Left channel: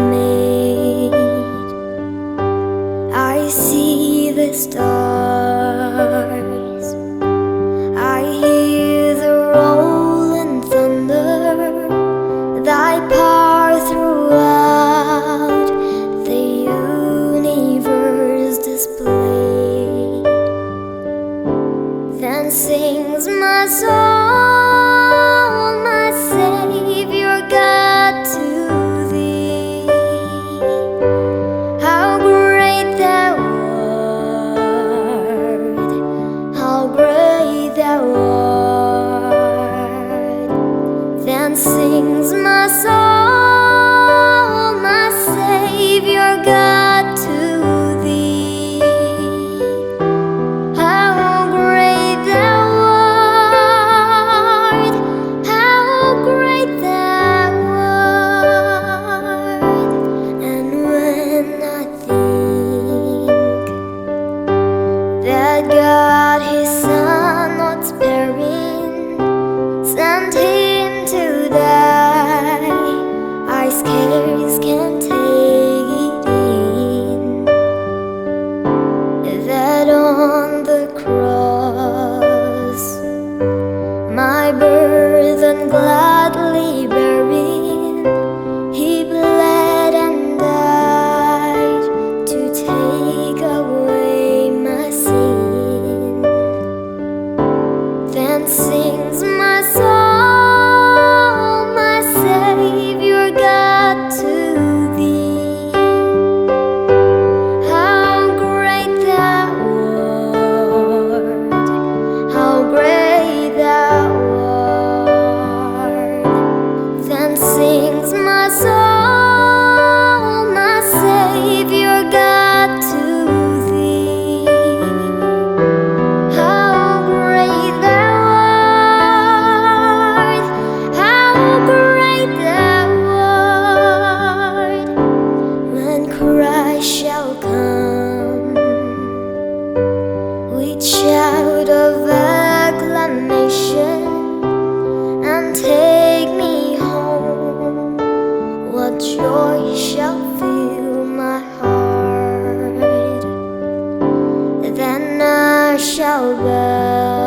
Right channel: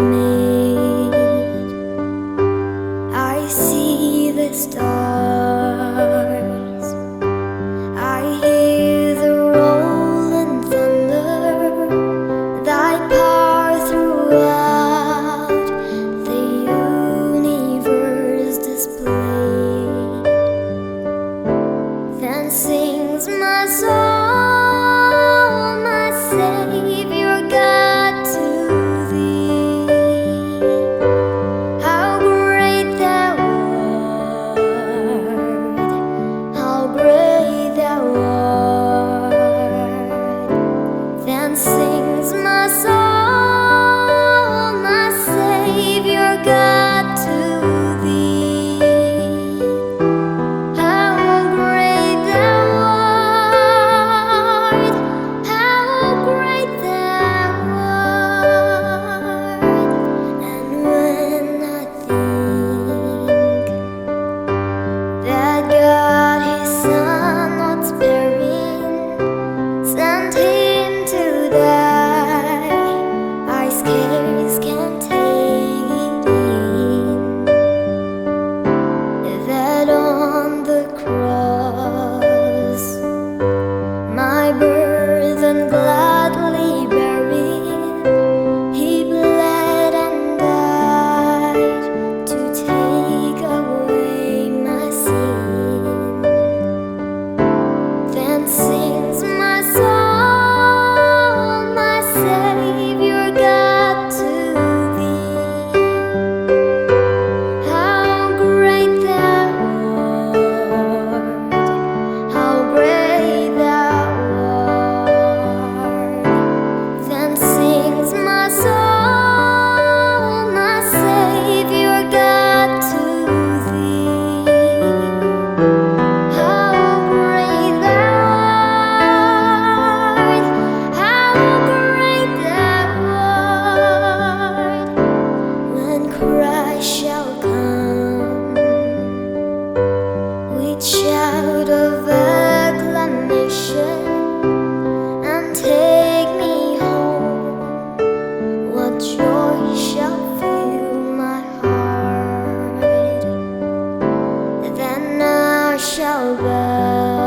made. I see the stars, I hear the rolling thunder, thy power throughout the universe displayed. Then sings my soul, my Savior God, to thee. How great thou art, how great thou art. Then sings my soul, my Savior God, to thee. How great thou art, how great thou art. And when I think that God his Son not sparing sent him to die, I scarce can take it in, that on the cross my burden gladly bearing, he bled and died to take away my sin. Then sings my soul, my Savior God, to thee. How great thou art, how great thou art. Then sings my soul, my Savior God, to thee. How great thou art, how great thou art. When Christ shall come with shout of acclamation and take me home, what joy shall fill my heart. Then I shall bow